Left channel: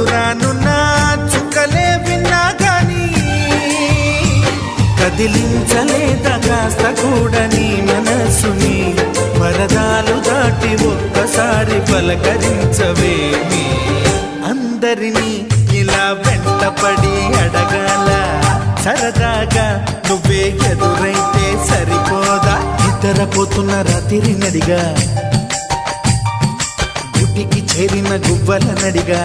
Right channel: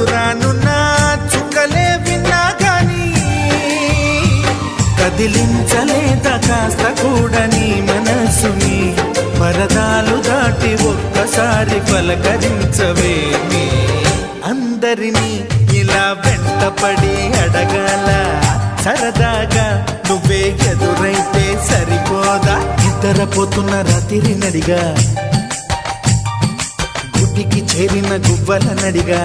దూరానున్న చుక్కలే విన్నా గాని కదిలించలేదా కాస్త కూడా నీ మనసుని పరదాలు దాటి ఒక్కసారి పలకరించవేమి అందరినీ ఇలా వెంటపడి అడగాల సరదాగా నువ్వే ఎదురైతే సరిపోదా నిద్రపోతున్న రాత్రి నడిగా గుడికి చేరిన గువ్వల నడిగా